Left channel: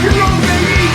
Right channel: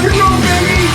Rock and roll, baby!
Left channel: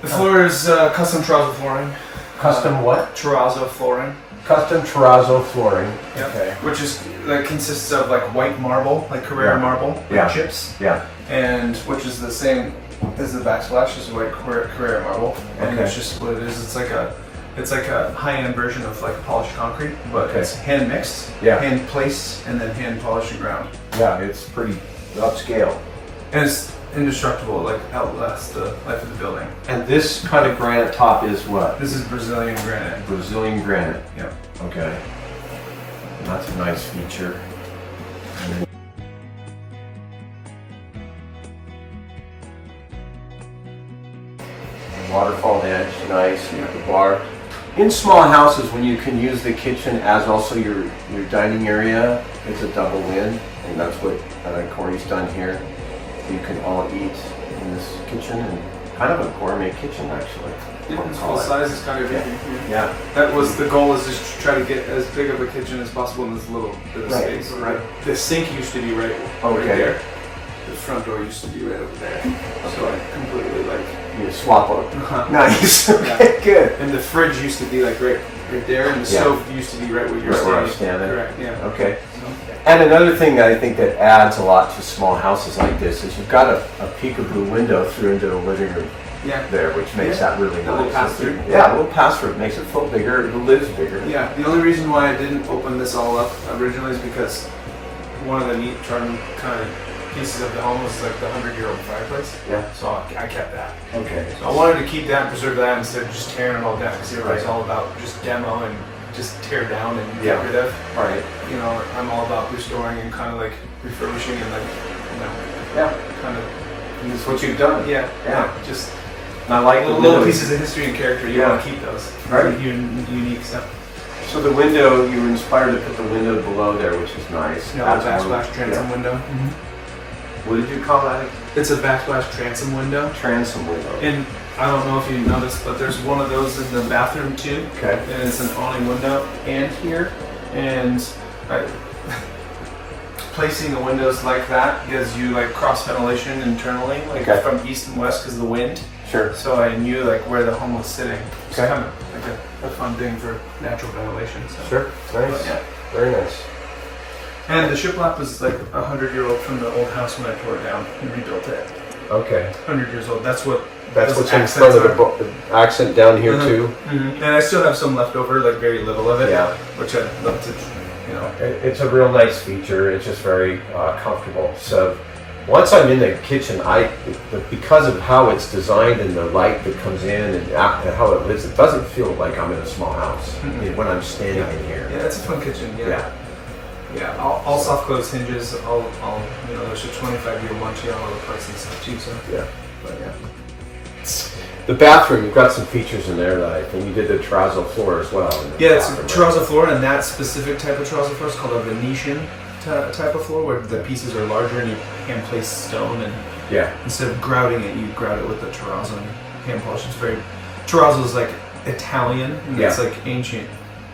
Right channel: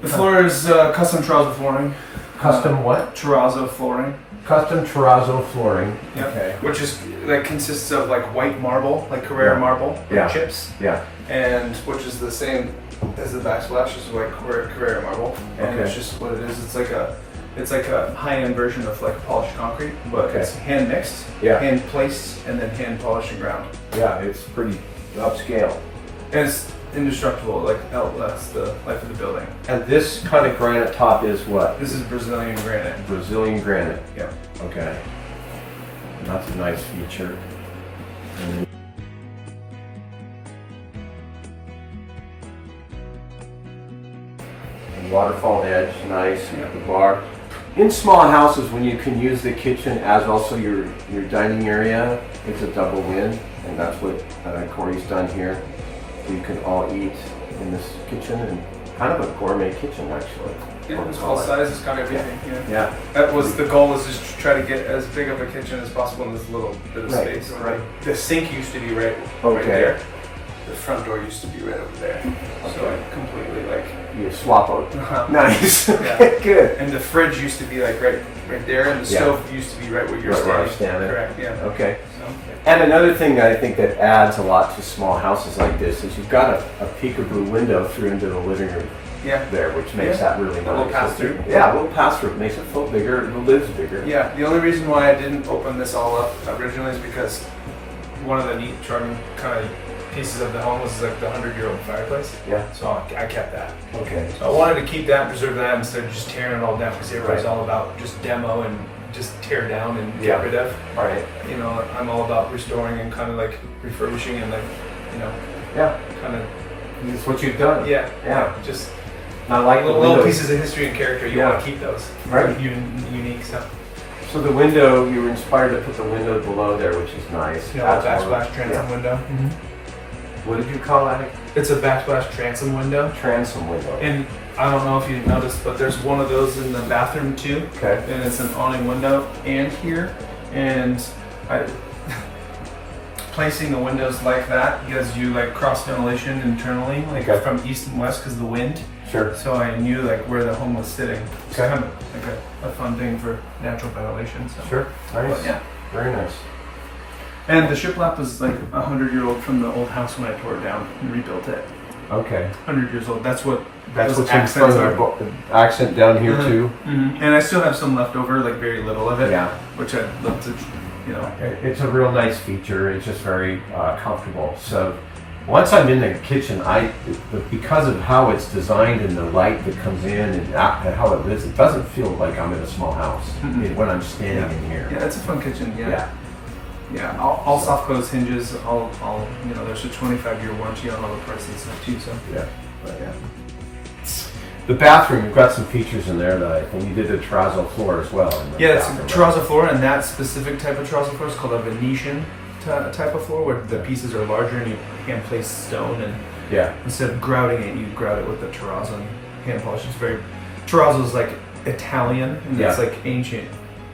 The floor is custom terrazzo flooring. Custom what? Terrazzo flooring. Custom terrazzo flooring. Yep. Okay. Which is that consists of like white marble, like Carrara marble chips. Yeah. And which is the same as the backsplash, is white Carrara marble. And it's just what it is. It's like a high-end version of like polished concrete, but it's hand mixed, hand placed, and then hand polished and ground. Yeah, it's pretty upscale. And it's indestructible, like outlasts the life of the building. And this kind of granite top is what? This is Brazilian granite. Brazilian granite. Yep. Okay. That's a nice feature. Waterfall edge, nice. You have the bar. In small houses, when you can use the kitchen as also your dining area, it's a double win, and that's what Cory's done here. You can all eat in this kitchen, and kind of a gourmet kitchen actually. Yeah, it's full size is kind of everything. Yeah. That was the goal, is just to try to get as big of a kitchen as possible in this little bit of space. Right. The sink used to be right there. The front door used to be right over there. So I completely like you swap out. Nice. Okay, good. And the fridge used to be like right there, and the stove used to be right where you're standing. Correct. Yeah. Okay. And another thing that I think that adds a lot to small houses like this is you've got a peekaboo window through into the living room. There, which makes that really nice. A little pass-through. Yeah, a little pass-through. It makes it feel bigger. The lid's bigger. Yeah. The only reason why I didn't open this all up originally is because one of the neat charming kind of pieces of the home was like the 100-year-old fireplace. Yeah. So I kept that. Okay. So I wanted to keep that, preserve that, instead of just tearing it all down, because everybody's all about just demo and just tear down and get rid of. Right. You know, I'm all about restoring and kind of like refurbishing and like, you know, kind of. That's what you've done. Yeah. Just I like little pieces of history and character. You want to keep those. Right. Unique stuff. So the window, you were inspired to put the window below there, which is nice. Yeah, the backsplash transom window. What did you call that? It's a backsplash transom window. Transom window. And I don't know if you noticed, but there's one of those in the bathroom too. Okay. And it's an awning window and here. And placing the windows like that gives you like cross ventilation internally, like from east and west because of the wind. Sure. So I knew like where the home was sitting. It's kind of like a fun thing for natural ventilation. So. Sure. Nice. Yeah. Very nice. And the shiplap was like 100-year-old from the old house when I tore it down and rebuilt it. Okay. 100 years old. That's what's in front of the accent down here too. And I still have some left over, like very little of it. Yeah. Which I'd love to, you know. It's a real nice feature. It's just very comfortable. So once I'm in the kitchen, because of how it's designed and the light that comes in and how it lives, it doesn't feel like I'm in a small house when I'm standing in here. Yeah, it's a fun kitchen. Yeah, all soft close hinges. All you know. There's a 25-year warranty on all the parts and stuff too. So The bathroom, you've got some features in there that I think you did the terrazzo floor as well. Yeah, it's a terrazzo floor, and that specific type of terrazzo floor is called a Venetian type of floor, where the pieces are larger and you hand place stone, and instead of grouting it, you grout it with the terrazzo and hand polish. It's terrazzo is like Italian, and it's like ancient,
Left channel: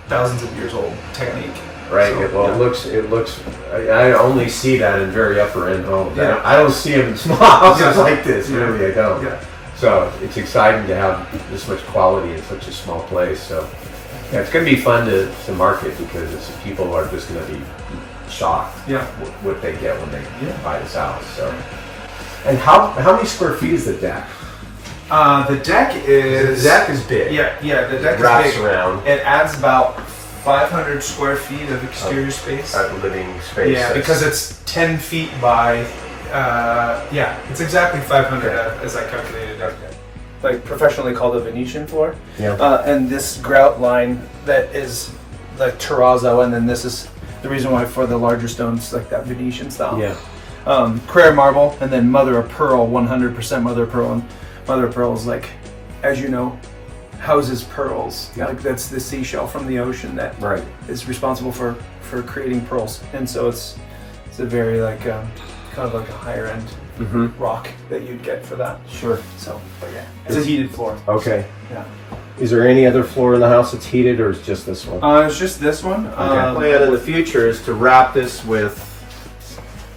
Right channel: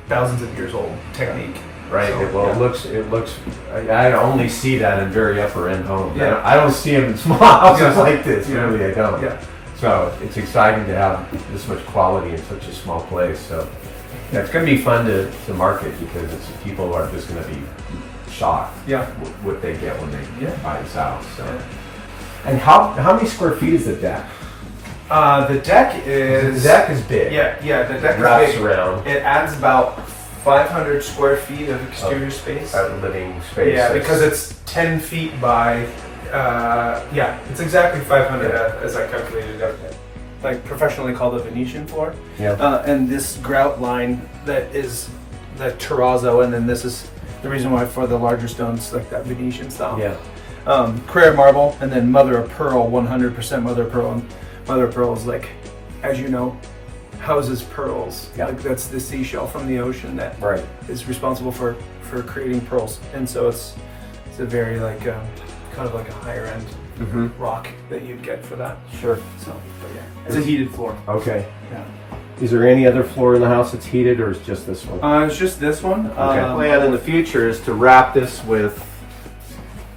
thousands of years old technique. Right. So, it looks. I only see that in very upper end homes. Yeah. I don't see it in small houses like this. Really, I don't. Yeah. So it's exciting to have this much quality in such a small place. So it's going to be fun to market because people are just going to be shocked. What they get when they buy this house. So. And how many square feet is the deck? The deck is big. Yeah. The deck wraps is big. Around. It adds about 500 square feet of exterior space. Living space. Yeah, because it's 10 feet by, it's exactly 500 as I calculated it. Like professionally called a Venetian floor. Yeah. And this grout line that is like terrazzo, and then this is the reason why for the larger stones, like that Venetian style. Yeah. Carrara marble, and then mother of pearl, 100% mother of pearl. And mother of pearl is like, as you know, houses pearls. Like that's the seashell from the ocean that is responsible for creating pearls. And so it's a very like kind of like a higher end rock that you'd get for that. Sure. So, but yeah, it's a heated floor. Okay. Yeah. Is there any other floor in the house that's heated, or is it just this one? It's just this one. The plan in the future is to wrap this with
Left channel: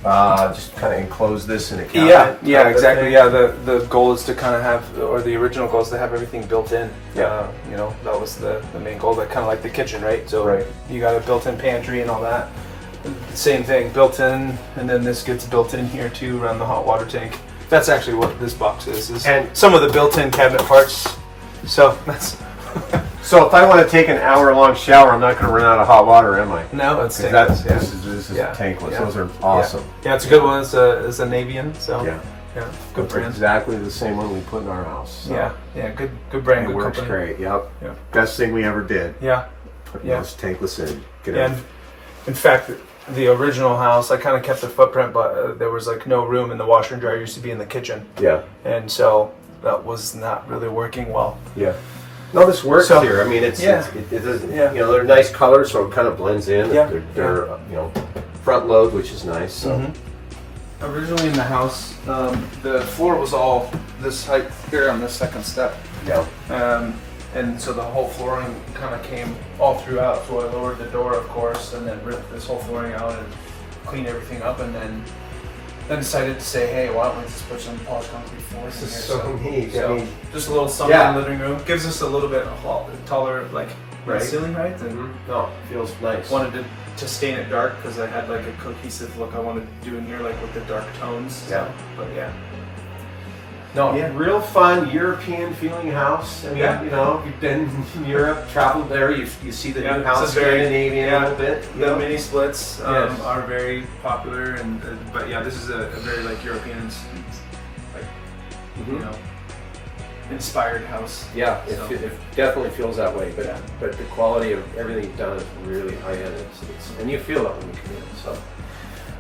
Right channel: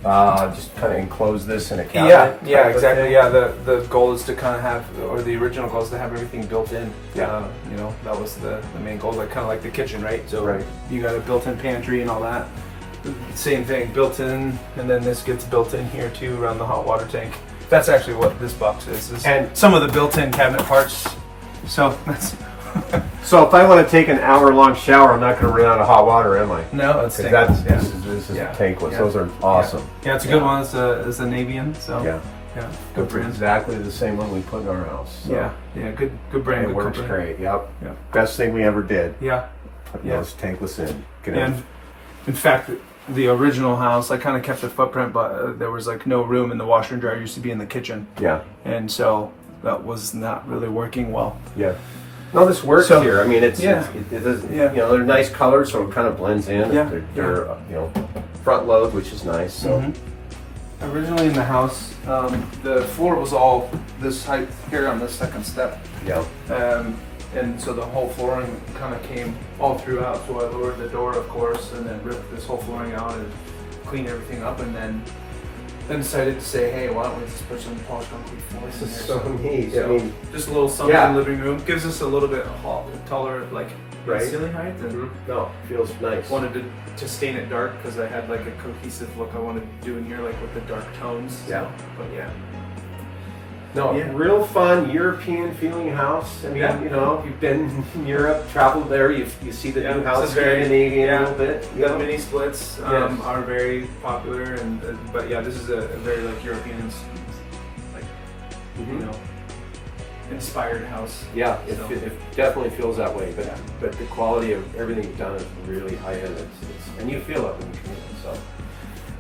just kind of enclose this in a cabinet. Yeah, exactly. Yeah, the goal is to kind of have, or the original goal is to have everything built in. Yeah. You know, that was the main goal, like kind of like the kitchen, right? So you got a built-in pantry and all that. Same thing, built in, and then this gets built in here too around the hot water tank. That's actually what this box is and some of the built-in cabinet parts. So that's. So if I want to take an hour-long shower, I'm not going to run out of hot water, am I? No, it's tankless. This is tankless. Yeah. Those are awesome. Yeah, it's a good one. It's a Navian. So good brand. Exactly the same one we put in our house. So. Yeah, good brand. It good works company. great. Yep. Best thing we ever did. Yeah. Putting those tankless in. And in fact, the original house, I kind of kept the footprint, but there was like no room, and the washer and dryer used to be in the kitchen. Yeah. And so that was not really working well. Yeah. No, this works here. I mean, it doesn't. You know, they're nice colors, so it kind of blends in. Yeah. They're you know, front load, which is nice. So. Originally in the house, the floor was all this height here on this second step. Yeah. And so the whole flooring kind of came all throughout. So I lowered the door, of course, and then ripped this whole flooring out and cleaned everything up, and then decided to say, hey, why don't we just put some polished concrete floors in here? This is so neat. So just a little something in the living room. Gives us a little bit taller, like ceiling height. And no, feels nice. Wanted to stain it dark because I had like a cohesive look I wanted to do in here, like with the dark tones. Yeah. But No, real fun European feeling house. I mean, you know, if you've been in Europe, traveled there, you see the new house, Scandinavian a little bit. The mini splits are very popular, and but this is a very like European, like you know, inspired house. Yeah, it definitely feels that way. But the quality of everything you've done is really high end. And you feel that when you come in. So.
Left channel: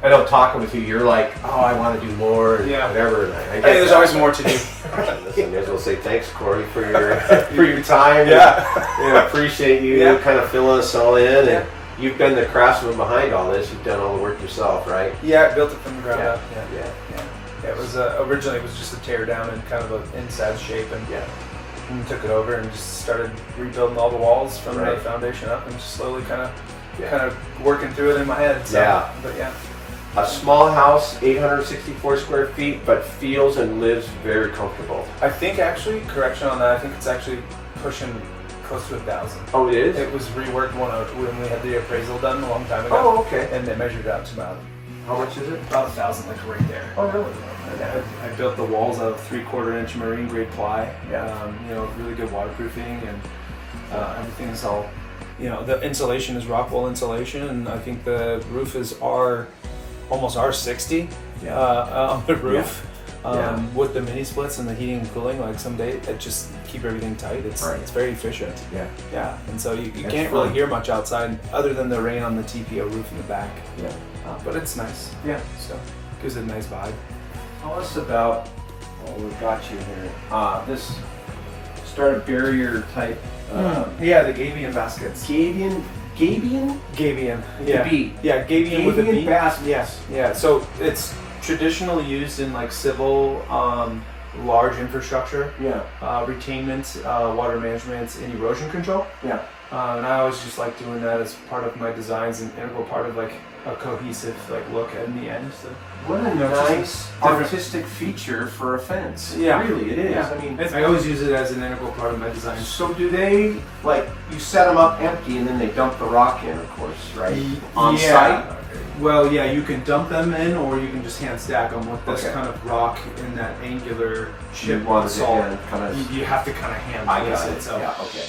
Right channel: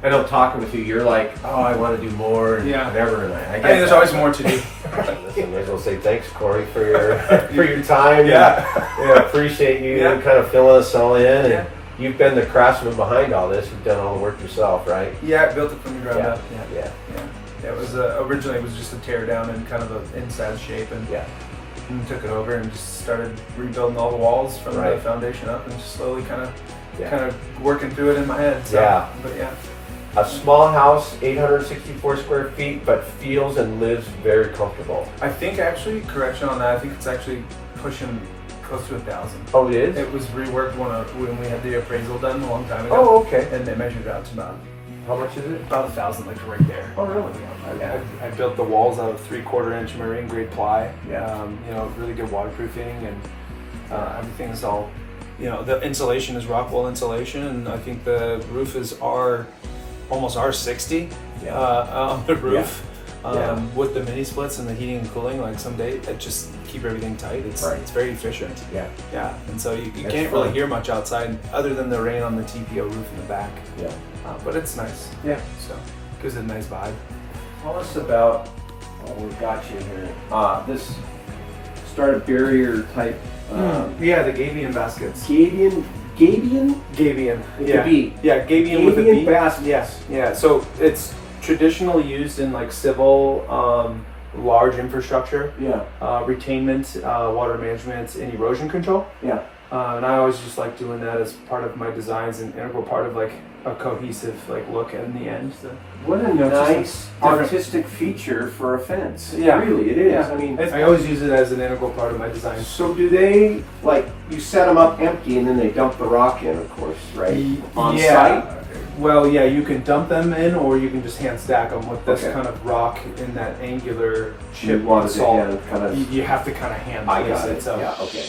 I know talking with you, you're like, oh, I want to do more, and whatever. And I guess there's always more to do. Listen, may as well say thanks, Cory, for your time. I appreciate you kind of filling us all in. And you've been the craftsman behind all this. You've done all the work yourself, right? Yeah, I built it from the ground up. Yeah. It was originally it was just a tear down and kind of an inside shape, and took it over and just started rebuilding all the walls from the foundation up, and just slowly kind of working through it in my head. So, but a small house, 864 square feet, but feels and lives very comfortable. I think actually, correction on that, I think it's actually pushing close to 1,000. Oh, it is? It was reworked when we had the appraisal done a long time ago. Oh, okay. And they measured out to about, how much is it? About 1,000, like right there. Oh, really? I built the walls out of 3/4 inch marine grade ply. You know, really good waterproofing, and everything's all, you know, the insulation is Rockwell insulation, and I think the roof is almost R60 on the roof. With the mini splits and the heating and cooling, like someday it just keep everything tight. It's very efficient. And so you can't really hear much outside other than the rain on the TPO roof in the back. But it's nice. So gives it a nice vibe. Tell us about what we've got you here. This started barrier type. The Gabion baskets. Gabion. With a B. Yeah, Gabion with a B. Basket. Yes. Yeah. So it's traditionally used in like civil, large infrastructure. Retainment, water management, and erosion control. And I always just like doing that as part of my designs, and integral part of like a cohesive like look in the end. So. What a nice artistic feature for a fence. Yeah, really, it is. I mean, I always use it as an integral part of my design. So do they, like, you set them up empty and then they dump the rock in, of course, right? On site? Well, you can dump them in, or you can just hand stack them with this kind of rock in that angular chip salt. You have to kind of hand. I got it. So. Yeah. Okay.